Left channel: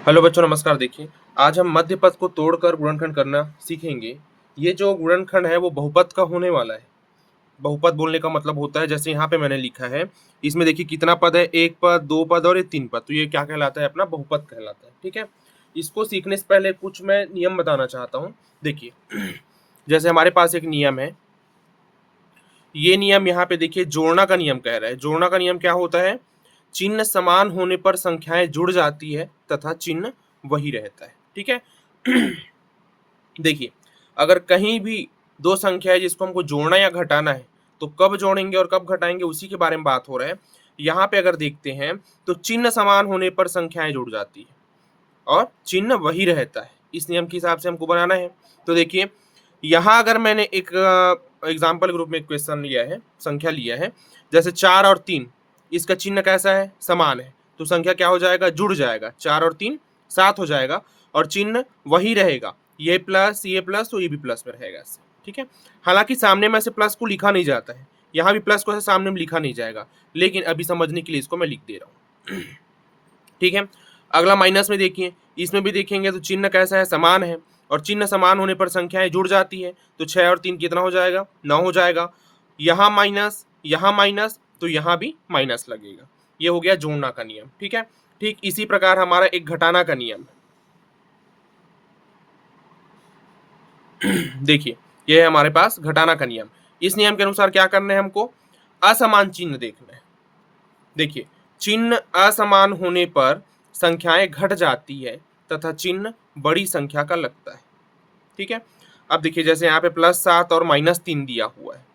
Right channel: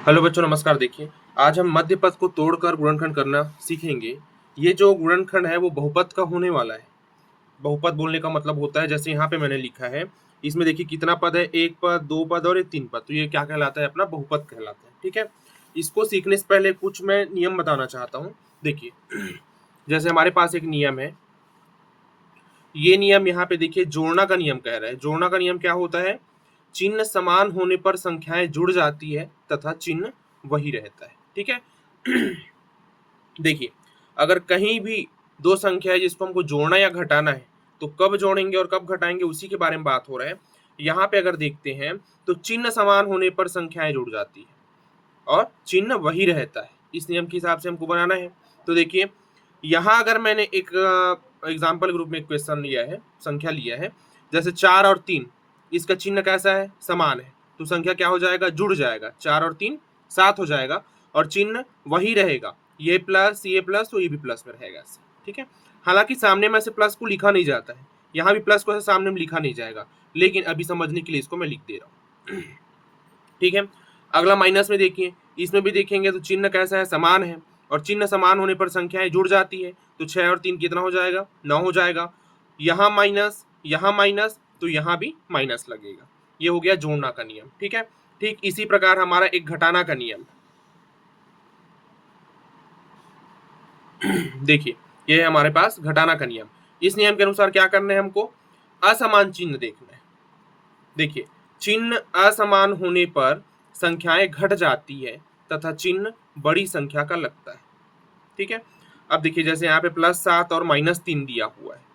Hello बच्चों, नमस्कार। देखिए, आज हम मध्य पद को तोड़कर गुणनखंड करना सीखेंगे। ये जो गुणनखंड है वो बहुपद का होने वाला है। बहुपद बोलने का मतलब होता है, जैसे यहाँ पे मैंने लिखा है, इसमें देखिए कितना पद है, एक पद, दो पद और ये तीन पद। तो ये क्या कहलाता है? अपना बहुपद कहलाता है। ठीक है, इसको सीखने से पहले कुछ मैं नियम बताना चाहता हूँ। देखिए, जैसे हमारे पास एक नियम है, ये नियम यहाँ पे देखिए जोड़ना का नियम कह रहा है। जोड़ना का नियम क्या होता है? चिन्ह समान होने पर संख्याएं जुड़ जाती है तथा चिन्ह वही रहता है। ठीक है। देखिए, अगर कहीं भी दो संख्या है जिसको हमको जोड़ना या घटाना है, तो कब जोड़ेंगे और कब घटाएंगे उसी के बारे में बात हो रहा है। यहाँ पे अगर देखते हैं तो चिन्ह समान होने पर संख्याएं जुड़ जाती है और चिन्ह वही रहता है। इस नियम के हिसाब से हमको बनाना है। तो देखिए, यहाँ अगर मैंने एक एग्जाम्पल ग्रुप में एक क्वेश्चन लिया है, संख्या लिया है, जैसे 4 और 3, इसका चिन्ह कैसा है? समान है। तो संख्या क्या हो जाएगा? जुड़ जाएगा। 4 और 3 7 हो जाएगा और चिन्ह वही रहेगा। ये प्लस तो ये भी प्लस में रहेगा ऐसे। ठीक है। हालांकि सामने में से प्लस को लिखा नहीं जाता है, यहाँ भी प्लस को ऐसे सामने में लिखा नहीं जाएगा, लेकिन अभी समझने के लिए इसको मैं लिख दे रहा हूँ। ठीक है। अगला माइनस में देखिए, इसमें भी देखेंगे तो चिन्ह कैसा है? समान है। और चिन्ह समान होने पर संख्याएं जुड़ जाती है। तो 6 और 3 कितना हो जाएगा? 9 हो जाएगा। यहाँ माइनस तो यहाँ भी माइनस लगेगा। ये हो गया जोड़ना का नियम। ठीक है। ठीक इसी प्रकार हमारा एक घटाना का नियम। देखिए, ये है हमारे पास घटाना का नियम। इस नियम के अनुसार क्या करना है हमको? असमान चिन्ह देखना है। देखिए, चिन्ह असमान होने पर संख्याएं घट जाती है तथा चिन्ह बड़ी संख्या का लगता है। ठीक है। अब देखिए, जैसे यहाँ पे +7 और -3 दिया हुआ है,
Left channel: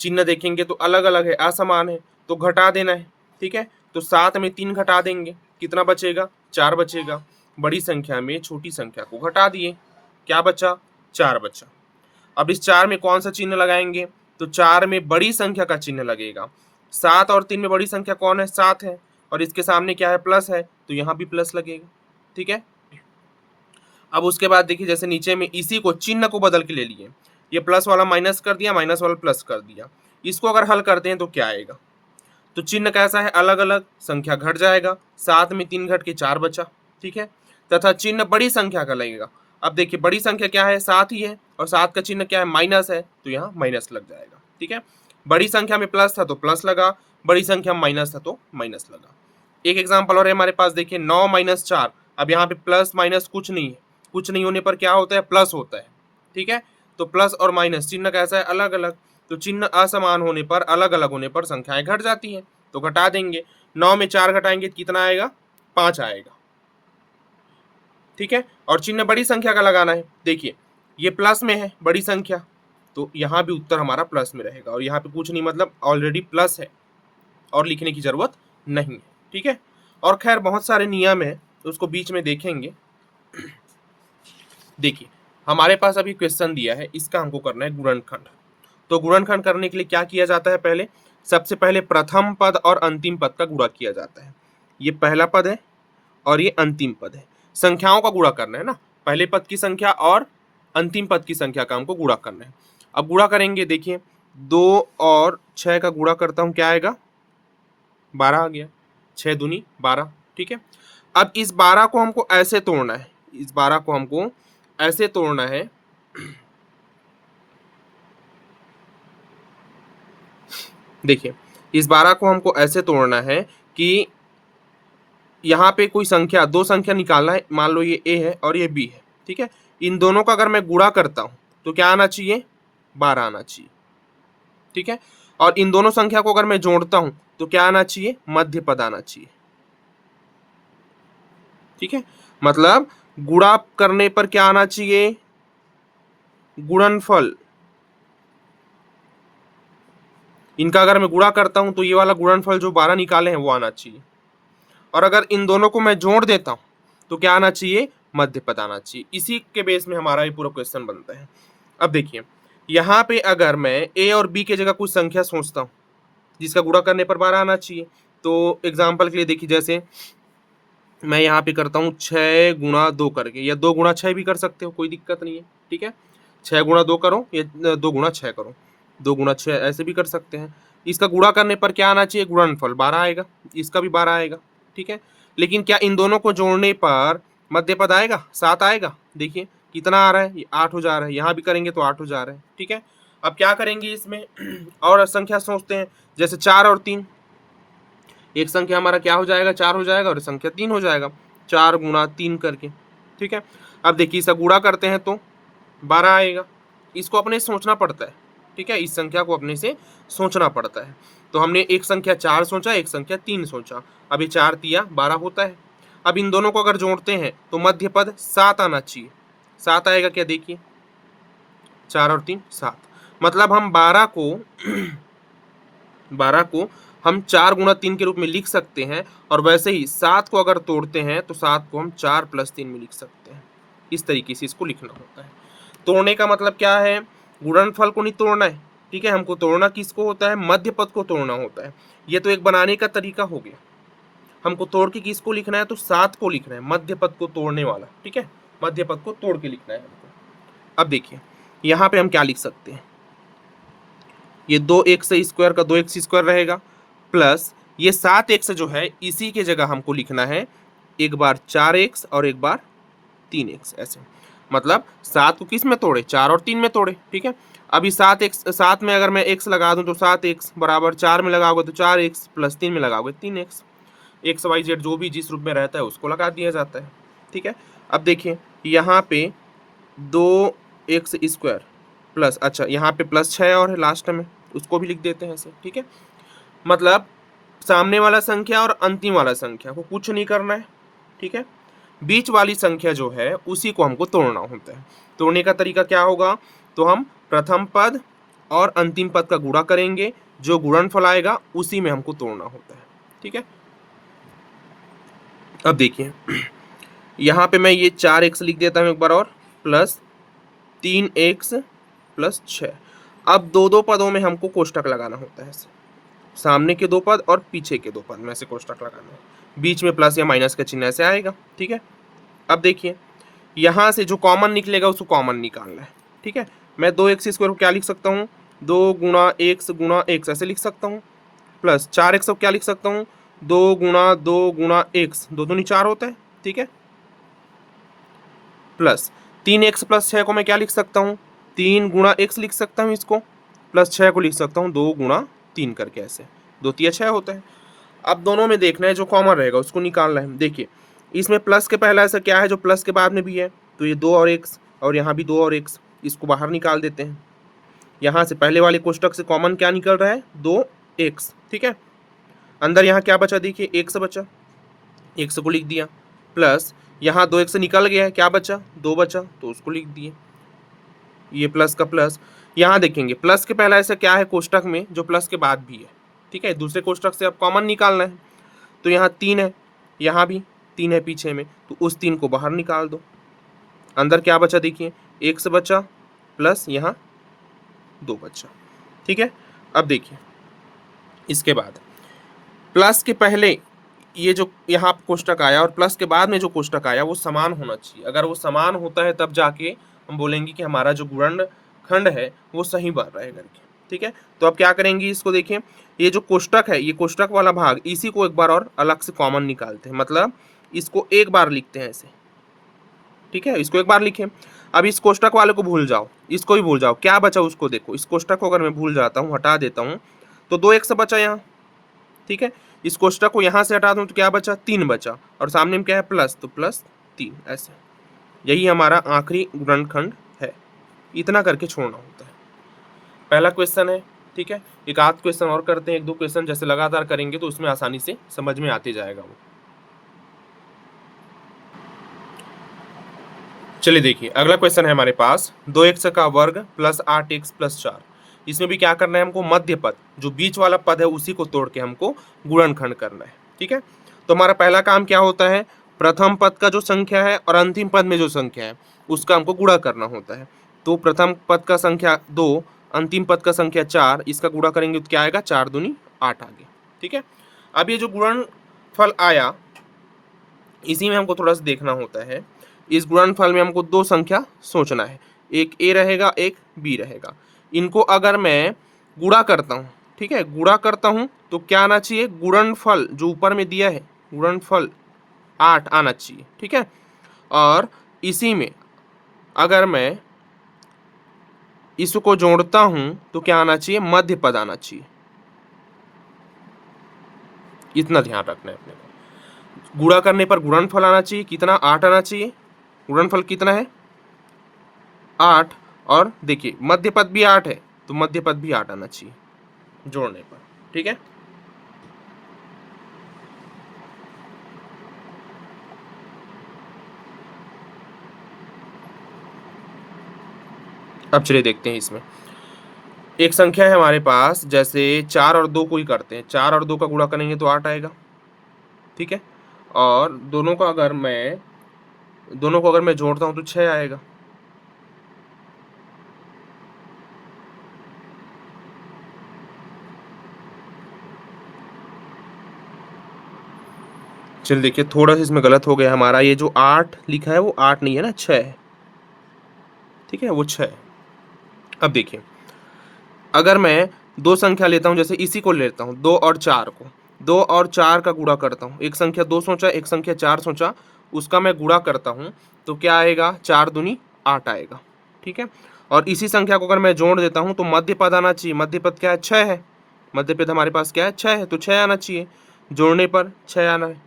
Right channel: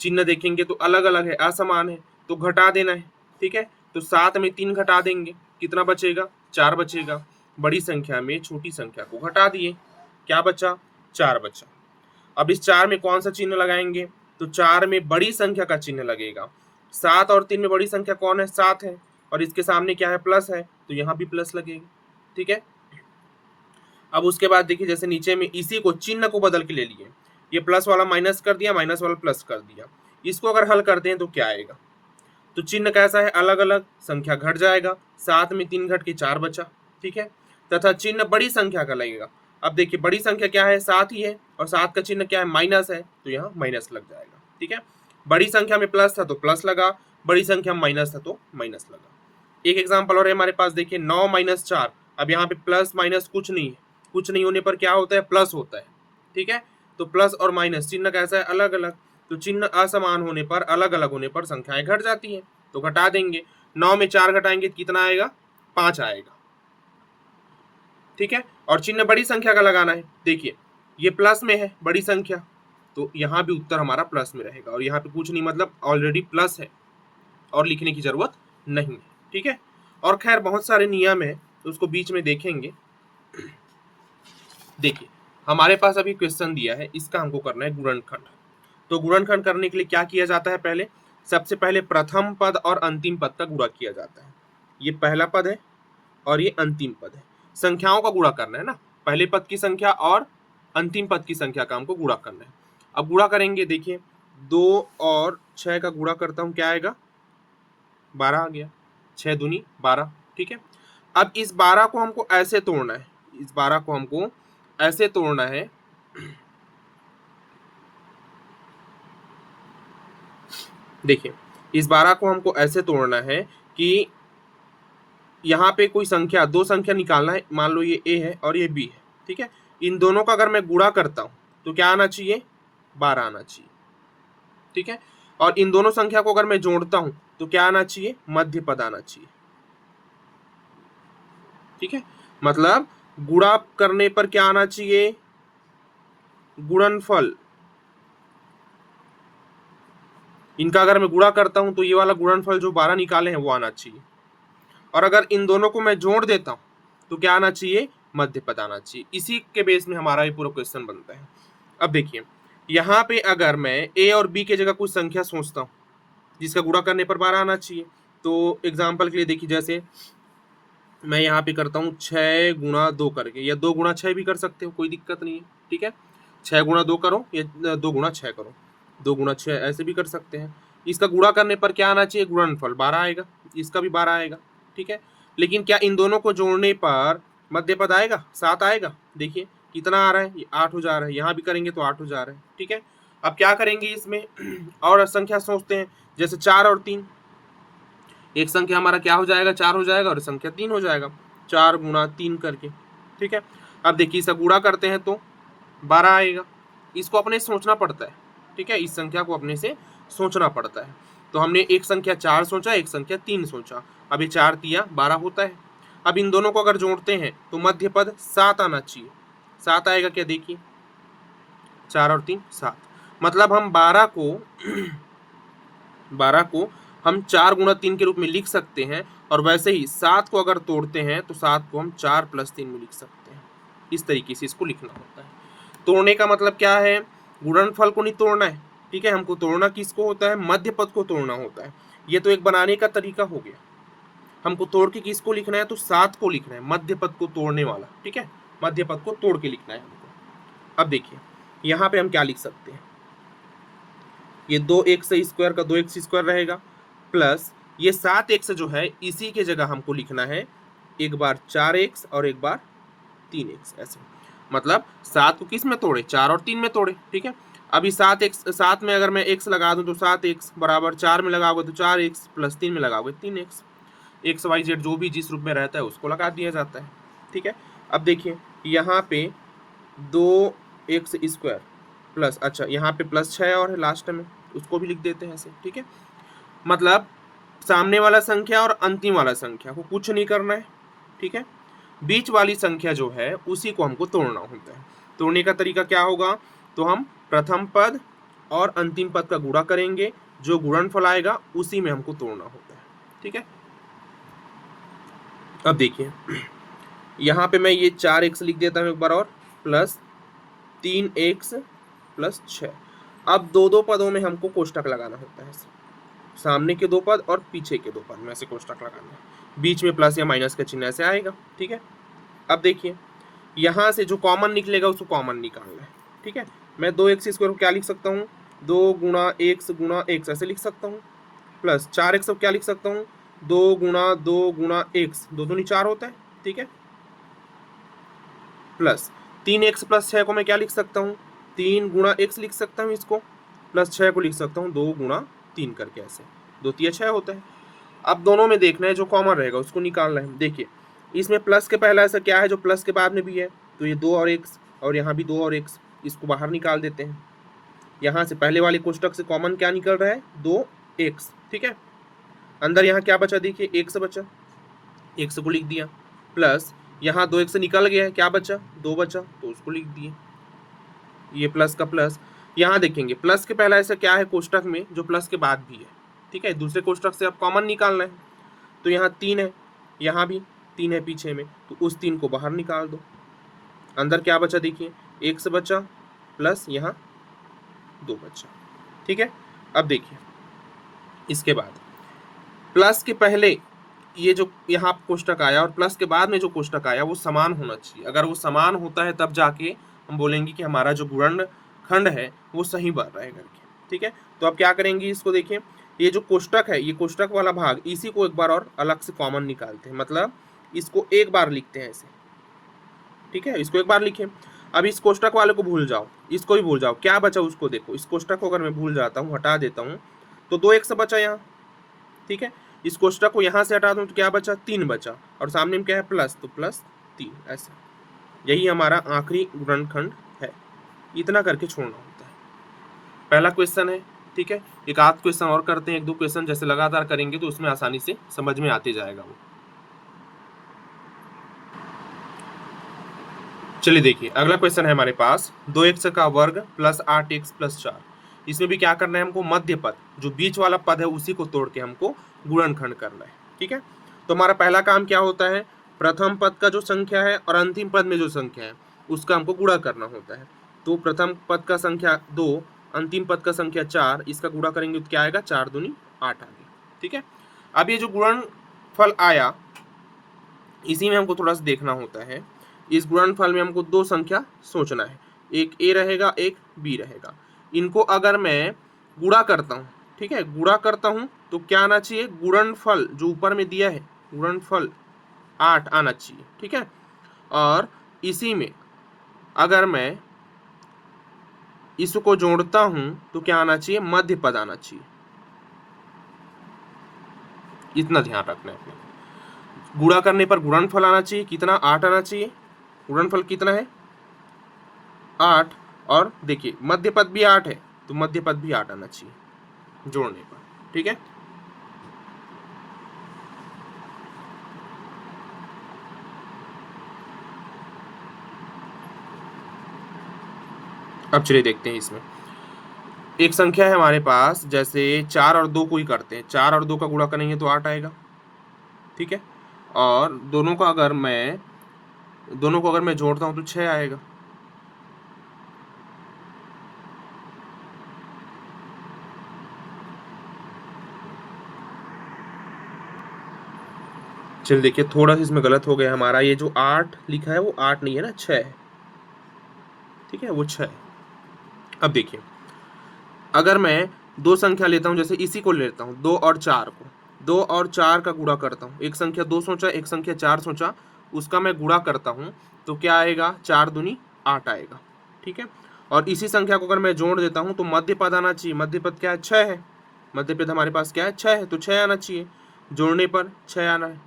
चिन्ह देखेंगे तो अलग अलग है, असमान है, तो घटा देना है। ठीक है। तो 7 में 3 घटा देंगे, कितना बचेगा? 4 बचेगा। बड़ी संख्या में छोटी संख्या को घटा दिए, क्या बचा? 4 बचा। अब इस 4 में कौन सा चिन्ह लगाएंगे? तो 4 में बड़ी संख्या का चिन्ह लगेगा। 7 और 3 में बड़ी संख्या कौन है? 7 है। और इसके सामने क्या है? प्लस है, तो यहाँ भी प्लस लगेगा। ठीक है। अब उसके बाद देखिए, जैसे नीचे में इसी को चिन्ह को बदल के ले लिए, ये प्लस वाला माइनस कर दिया, माइनस वाला प्लस कर दिया। इसको अगर हल करते हैं तो क्या आएगा? तो चिन्ह कैसा है? अलग अलग। संख्या घट जाएगा। 7 में 3 घट के 4 बचा। ठीक है। तथा चिन्ह बड़ी संख्या का लगेगा। अब देखिए, बड़ी संख्या क्या है? 7 ही है, और 7 का चिन्ह क्या है? माइनस है, तो यहाँ माइनस लग जाएगा। ठीक है। बड़ी संख्या में प्लस था तो प्लस लगा, बड़ी संख्या में माइनस था तो माइनस लगा। एक एग्जाम्पल और है हमारे पास, देखिए 9 - 4। अब यहाँ पे प्लस माइनस कुछ नहीं है, कुछ नहीं होने पर क्या होता है? प्लस होता है। ठीक है। तो प्लस और माइनस चिन्ह कैसा है? अलग अलग। तो चिन्ह असमान होने पर, अलग अलग होने पर संख्याएं घट जाती है, तो घटा देंगे। 9 में 4 घटाएंगे तो कितना आएगा? 5 आएगा। ठीक है। और चिन्ह बड़ी संख्या का लगाना है। देखिए, ये प्लस में है, बड़ी संख्या, तो यहाँ भी उत्तर हमारा प्लस में रहेगा। और यहाँ पे कुछ नहीं, मतलब ऑलरेडी प्लस है और लिखने की जरूरत नहीं है। ठीक है। और खैर बहुत सारे नियम है, उसको बीच में देखेंगे। देखिए, हमारे पास अभी क्वेश्चन दिया है, इसका हमको करना है गुणनखंड। तो गुणनखंड करने के लिए क्या किया जाता है? पहले, सबसे पहले प्रथम पद और अंतिम पद का गुणा किया जाता है। ये पहला पद है और ये अंतिम पद है। संख्याओं का गुणा करना है ना, पहले पद की संख्या और अंतिम पद की संख्या का हमको गुणा करना है। अब गुणा करेंगे, देखिए 2 और 6 का गुणा करता हूँ, क्या आएगा? 12 आ गया। 6 दूनी 12। ठीक है। अब इस 12 को हमको ऐसे तोड़ना है, इस 12 को हमको ऐसे तोड़ना है। देखिए, इस 12 को हमको ऐसे तोड़ना है कि यहाँ पे कोई संख्या, दो संख्या निकालना है। मान लो ये a है और ये b है। ठीक है। इन दोनों का अगर मैं गुणा करता हूँ तो क्या आना चाहिए? 12 आना चाहिए। ठीक है। और इन दोनों संख्या को अगर मैं जोड़ता हूँ तो क्या आना चाहिए? मध्य पद आना चाहिए। ठीक है। मतलब गुणा करने पर क्या आना चाहिए? गुणनफल। इनका अगर मैं गुणा करता हूं तो ये वाला गुणनफल जो 12 निकाले हैं वो आना चाहिए। और अगर इन दोनों को मैं जोड़ देता हूं तो क्या आना चाहिए? मध्य पद आना चाहिए। इसी के बेस में हमारा ये पूरा क्वेश्चन बनता है। अब देखिए, यहाँ पे अगर मैं ए और बी के जगह कुछ संख्या सोचता हूँ जिसका गुणा करने पर 12 आना चाहिए, तो एग्जाम्पल के लिए देखिए, जैसे मैं यहाँ पे करता हूँ 6 × 2 करके, या 2 × 6 भी कर सकते हो, कोई दिक्कत नहीं है। ठीक है। 6 × 2 करो या 2 × 6 करो, 2 × 6 ऐसे भी कर सकते हैं। इसका गुणा करने पर क्या आना चाहिए? गुणनफल 12 आएगा। इसका भी 12 आएगा। ठीक है। लेकिन क्या इन दोनों को जोड़ने पर मध्य पद आएगा 7 आएगा। देखिए कितना आ रहा है, ये 8 हो जा रहा है, यहाँ भी करेंगे तो 8 हो जा रहा है। ठीक है, अब क्या करेंगे इसमें और संख्या सोचते हैं, जैसे 4 और 3, एक संख्या हमारा क्या हो जाएगा, 4 हो जाएगा और संख्या 3 हो जाएगा, 4 गुणा 3 करके। ठीक है, अब देखिए इसका गुणा करते हैं तो 12 आएगा, इसको अपने सोचना पड़ता है। ठीक है, इस संख्या को अपने से सोचना पड़ता है। तो हमने एक संख्या 4 सोचा, एक संख्या 3 सोचा, अब ये 4 तिया 12 होता है। अब इन दोनों को अगर जोड़ते हैं तो मध्य पद 7 आना चाहिए। 7 आएगा क्या, देखिए 4 और 3 7, मतलब हम 12 को हम 4 गुणा 3 के रूप में लिख सकते हैं। और वैसे ही 7 को अगर तोड़ते हैं तो 7 को हम 4 + 3 में लिख सकते हैं। इस तरीके से इसको लिखना होता है। तोड़ने का मतलब क्या है, गुणनफल को नहीं तोड़ना है। ठीक है, हमको तोड़ना किसको होता है, मध्य पद को तोड़ना होता है। ये तो एक बनाने का तरीका हो गया। हमको तोड़ के किसको लिखना है, तो 7 को लिखना है, मध्य पद को तोड़ने वाला। ठीक है, मध्य पद को तोड़ के लिखना है हमको। अब देखिए यहाँ पे हम क्या लिख सकते हैं, ये 2x² का 2x² रहेगा, प्लस ये 7x जो है इसी के जगह हमको लिखना है, एक बार 4x और एक बार 3x, ऐसे। मतलब 7 को किस में तोड़े, 4 और 3 में तोड़े। ठीक है, अभी 7 में अगर मैं x लगा दूं तो 7x बराबर 4 में लगाओगे तो 4x प्लस 3 में लगाओगे 3x। XYZ जो भी जिस रूप में रहता है उसको लगा दिया जाता है। ठीक है, अब देखिए यहाँ पे 2x² प्लस, अच्छा यहाँ पे +6 और है लास्ट में, उसको भी लिख देते हैं ऐसे। ठीक है, मतलब सामने वाला संख्या और अंतिम वाला संख्या को कुछ नहीं करना है। ठीक है, बीच वाली संख्या जो है उसी को हमको तोड़ना होता है। तोड़ने का तरीका क्या होगा, तो हम प्रथम पद और अंतिम पद का गुणा करेंगे, जो गुणनफल आएगा उसी में हमको तोड़ना होता है। ठीक है, अब देखिए यहाँ पे मैं ये 4x लिख देता हूँ एक बार और, प्लस 3x प्लस 6। अब दो पदों में हमको कोष्टक लगाना होता है, सामने के 2 पद और पीछे के 2 पद में से कोष्टक लगाना है, बीच में प्लस या माइनस का चिन्ह ऐसे आएगा। ठीक है, अब देखिए यहाँ से जो कॉमन निकलेगा उसको कॉमन निकालना है। ठीक है, मैं 2x² को क्या लिख सकता हूँ, 2 गुणा x ऐसे लिख सकता हूँ, प्लस 4x को क्या लिख सकता हूँ, 2 गुणा x, 2 दूनी 4 होता है। ठीक है, प्लस 3x प्लस 6 को मैं क्या लिख सकता हूँ, 3 गुणा x लिख सकता हूँ इसको, प्लस 6 को लिख सकता हूँ 2 गुणा 3 करके, ऐसे 2 तिया 6 होता है। अब दोनों में देखना है जो कॉमन रहेगा उसको निकालना है। देखिए इसमें प्लस के पहला ऐसा क्या है जो प्लस के बाद में भी है, तो ये 2 और x, और यहाँ भी 2 और x, इसको बाहर निकाल देते हैं। यहाँ से पहले वाले कोष्टक से कॉमन क्या निकल रहा है, 2x। ठीक है, अंदर यहाँ क्या बचा, देखिए x बचा, x को लिख दिया, प्लस यहाँ 2x निकल गया है, क्या बचा, 2 बचा, तो उसको लिख दिए, ये प्लस का प्लस। यहाँ देखेंगे प्लस के पहला ऐसा क्या है कोष्टक में जो प्लस के बाद भी है। ठीक है, दूसरे कोष्टक से अब कॉमन निकालना है, तो यहाँ 3 है, यहाँ भी 3 है पीछे में, तो उस 3 को बाहर निकाल दो। अंदर क्या बचा, देखिए x बचा, प्लस यहाँ 2 बचा। ठीक है, अब देखिए इसके बाद प्लस के पहले ये जो यहाँ कोष्टक आया और प्लस के बाद में जो कोष्टक आया वो समान होना चाहिए। अगर वो समान होता है तब जाके हम बोलेंगे कि हमारा जो गुणनखंड है वो सही बन रहा है करके। ठीक है, तो अब क्या करेंगे इसको, देखिए ये जो कोष्टक है, ये कोष्टक वाला भाग, इसी को एक बार और अलग से कॉमन निकालते हैं, मतलब इसको एक बार लिखते हैं ऐसे। ठीक है, इसको एक बार लिखें। अब इस कोष्टक वाले को भूल जाओ, इसको भी भूल जाओ, क्या बचा उसको देखो, इस कोष्टक को अगर मैं भूल जाता हूँ, हटा देता हूँ, तो 2x बचा यहाँ। ठीक है, इस कोष्टक को यहाँ से हटा दूँ तो क्या बचा, 3 बचा, और सामने में क्या है प्लस, तो प्लस 3, ऐसे। यही हमारा आखिरी गुणनखंड है। इतना करके छोड़ना होता है। पहला क्वेश्चन है। ठीक है, एक आध क्वेश्चन और करते हैं, 1-2 क्वेश्चन जैसे लगातार करेंगे तो उसमें आसानी से समझ में आते जाएगा वो। चलिए देखिए अगला क्वेश्चन है हमारे पास, 2x का वर्ग प्लस 8x प्लस 4। इसमें भी क्या करना है हमको, मध्य पद जो बीच वाला पद है उसी को तोड़ के हमको गुणनखंड करना है। ठीक है, तो हमारा पहला काम क्या होता है, प्रथम पद का जो संख्या है और अंतिम पद में जो संख्या है उसका हमको गुणा करना होता है। तो प्रथम पद का संख्या 2, अंतिम पद का संख्या 4, इसका गुणा करेंगे तो क्या आएगा, 4 दूनी 8 आगे। ठीक है, अब ये जो गुणनफल आया इसी में हमको थोड़ा सा देखना होता है। इस गुणनफल में हमको 2 संख्या सोचना है, एक a रहेगा एक b रहेगा। इनको अगर मैं गुणा करता हूँ, ठीक है, गुणा करता हूँ तो क्या आना चाहिए, गुणनफल जो ऊपर में दिया है गुणनफल 8 आना चाहिए। ठीक है, और इसी में अगर मैं इसको जोड़ता हूं तो क्या आना चाहिए, मध्य पद आना चाहिए। इतना ध्यान रखना है अपने को। गुणा करने पर गुणनफल आना चाहिए, कितना, 8 आना चाहिए। गुणनफल कितना है, 8। और देखिए मध्य पद भी 8 है, तो मध्य पद भी 8 आना चाहिए जोड़ने पर। ठीक है, अब चलिए देखते हैं इसमें। एक संख्या है हमारे पास, जैसे 4 और 2 को ही करते हैं। 4 और 2 का गुणा करेंगे तो 8 आएगा। ठीक है, और दोनों को अगर मैं जोड़ता हूं तो 6 आएगा। चलिए देखिए, थोड़ा सा इसमें गलत हो गया हमारा। ये जो 8 लिखा है वो 8 नहीं है ना, 6 है। ठीक है, वो 6 है। अब देखिए, अगर मैं दो संख्या लेता हूं, जैसे इसी को लेता हूं 2 और 4 को, 2 और 4 का गुणा करता हूं। एक संख्या 2 सोचा, एक संख्या 4 सोचा, उसका मैं गुणा करता हूं तो क्या आएगा, 4 दूनी 8 आएगा। ठीक है, और इसी संख्या को अगर मैं जोड़ देता हूं तो मध्य पद आना चाहिए। मध्य पद क्या है, 6 है। मध्य पद हमारे पास क्या है, 6 है, तो 6 आना चाहिए। जोड़ने पर 6 आना है।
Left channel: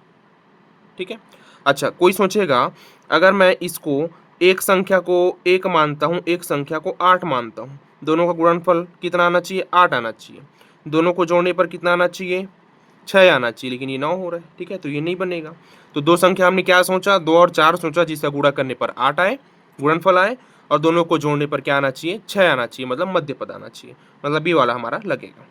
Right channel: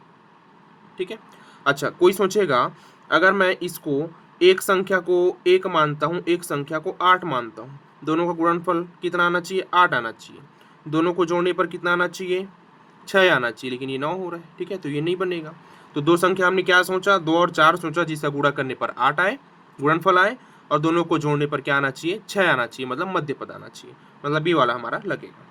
ठीक है, अच्छा कोई सोचेगा, अगर मैं इसको एक संख्या को 1 मानता हूँ, एक संख्या को 8 मानता हूँ, दोनों का गुणनफल कितना आना चाहिए, 8 आना चाहिए। दोनों को जोड़ने पर कितना आना चाहिए, 6 आना चाहिए, लेकिन ये 9 हो रहा है। ठीक है, तो ये नहीं बनेगा। तो दो संख्या हमने क्या सोचा, 2 और 4 सोचा, जिसका गुणा करने पर 8 आए, गुणनफल आए, और दोनों को जोड़ने पर क्या आना चाहिए, 6 आना चाहिए, मतलब मध्य पद आना चाहिए। मतलब बी वाला हमारा लगेगा।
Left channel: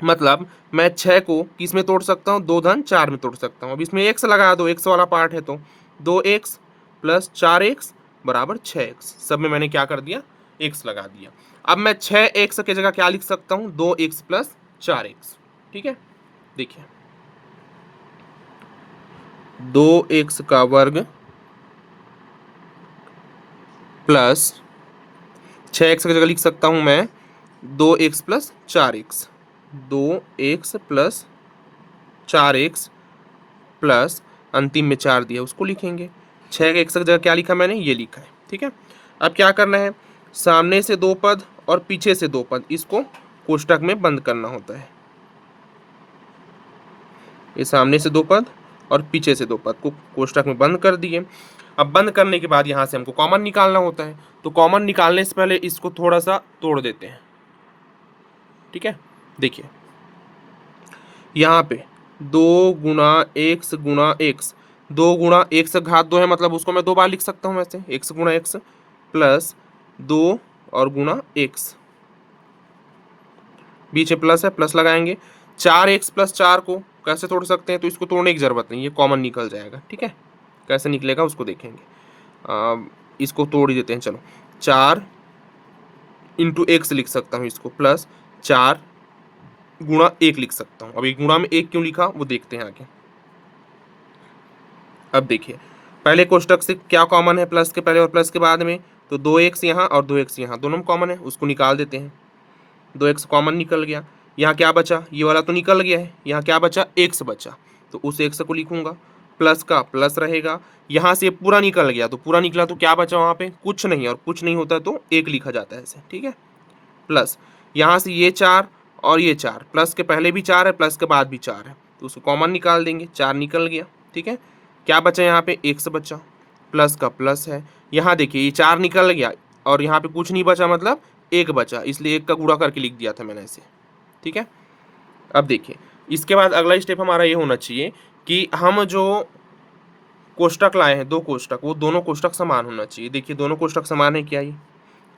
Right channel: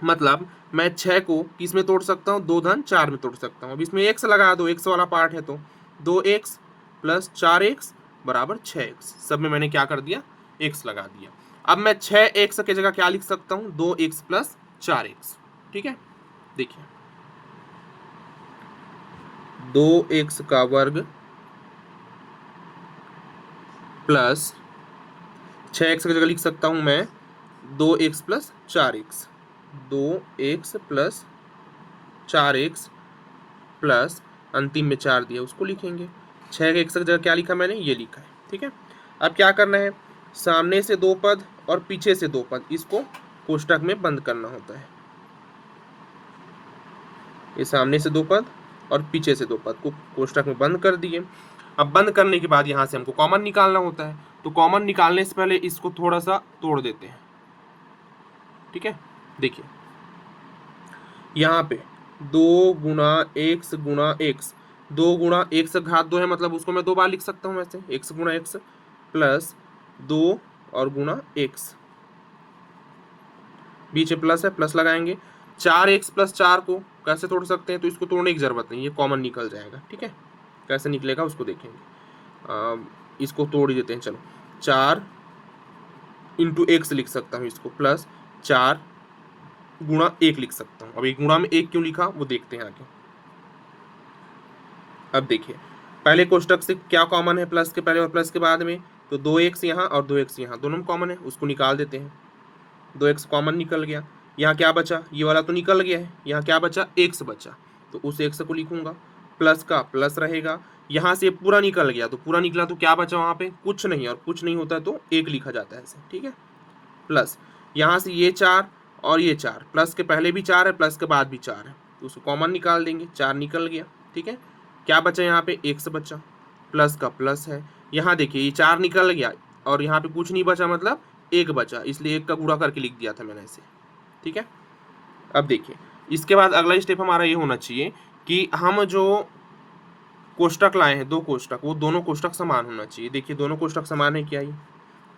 मतलब मैं 6 को किस में तोड़ सकता हूँ, 2 धन 4 में तोड़ सकता हूँ। अब इसमें एक्स लगा दो, एक्स वाला पार्ट है, तो 2x प्लस 4x बराबर 6x। सब में मैंने क्या कर दिया, x लगा दिया। अब मैं 6x के जगह क्या लिख सकता हूँ, 2x प्लस 4x। ठीक है, देखिए 2x का वर्ग प्लस 6x की जगह लिख सकता हूँ मैं 2x plus 4x। 2x plus 4x plus अंतिम में 4 दिया, उसको लिखेंगे। 6 के 1 की जगह क्या लिखा मैंने, ये लिखा है। ठीक है, अब क्या करना है, सामने से 2 पद और पीछे से 2 पद, इसको कोष्टक में बंद करना होता है। ये सामने से 2 पद और पीछे से 2 पद को कोष्टक में बंद कर दिए। अब बंद करने के बाद यहाँ से हमको कॉमन निकालना होता है, तो कॉमन निकालने से पहले इसको थोड़ा सा तोड़ देते हैं। ठीक है, देखिए यहाँ पे 2 गुणा एक्स, 2 गुणा x घात 2 है, मतलब उसको मैं 2 बार लिख सकता हूँ वैसे, x गुणा एक्स प्लस 2 और गुणा एक्स, बीच में प्लस है, प्लस लगाएंगे। 4x प्लस 4 को कैसे तोड़ सकते हैं, तो इसको तोड़ने की जरूरत नहीं, ये कॉमन निकल जाएगा। ठीक है, कैसे निकलेगा उसको देखेंगे। इसको तोड़ ही देते हैं, चलो 4 इंटू एक्स लिख सकता हूँ इसको, प्लस 4 गुणा 1 लिख सकता हूँ। अब एक गुणा में 1 क्यों लिखा वो देखते हैं आगे। अब देखिए, पहले कोष्टक से क्या कॉमन है, प्लस के पहले और प्लस के बाद में, तो 2x यहाँ और 2x यहाँ, दोनों में कॉमन है, उसको निकाल देते हैं। 2x कॉमन निकल गया। यहाँ क्या बचा, ये वाला तो निकल गया है, यहाँ क्या बचा, x बचा, तो उस x को लिखूंगा। प्लस का प्लस रहेगा, यहाँ से पूरा निकल गया, तो पूरा निकला तो क्या बचा वहाँ पे, कुछ नहीं, और कुछ नहीं होता तो 1 लिखा जाता है ऐसे। ठीक है, प्लस यहाँ से ये 4 और ये 4, प्लस के पहले भी 4 है, प्लस के बाद भी 4 है, तो उसको कॉमन निकाल देंगे, 4 निकल गया। ठीक है, क्या बचा यहाँ पे, x बचा, प्लस का प्लस है। यहाँ देखिए ये 4 निकल गया और यहाँ पे कुछ नहीं बचा, मतलब 1 बचा, इसलिए 1 का गुणा करके लिख दिया था मैंने ऐसे। ठीक है, अब देखिए इसके बाद अगला स्टेप हमारा ये होना चाहिए कि हम जो कोष्टक लाए हैं, 2 कोष्टक, वो दोनों कोष्टक समान होना चाहिए। देखिए दोनों कोष्टक समान है, क्या ये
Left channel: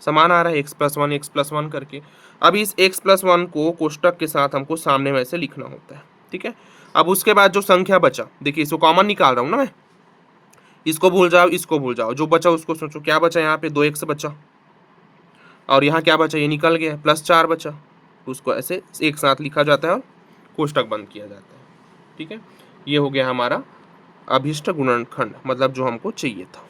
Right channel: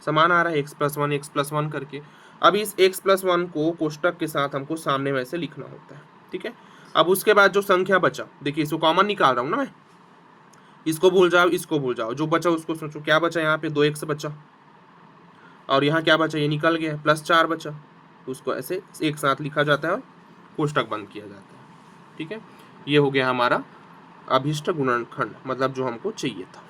समान आ रहा है, x प्लस वन करके। अब इस x प्लस 1 को कोष्टक के साथ हमको सामने में से लिखना होता है। ठीक है, अब उसके बाद जो संख्या बचा, देखिए इसको कॉमन निकाल रहा हूँ ना मैं, इसको भूल जाओ, इसको भूल जाओ, जो बचा उसको सोचो। क्या बचा यहाँ पे, 2x बचा, और यहाँ क्या बचा, ये निकल गया है, प्लस 4 बचा, उसको ऐसे एक साथ लिखा जाता है और कोष्टक बंद किया जाता है। ठीक है, ये हो गया हमारा अभिष्ट गुणनखंड, मतलब जो हमको चाहिए था।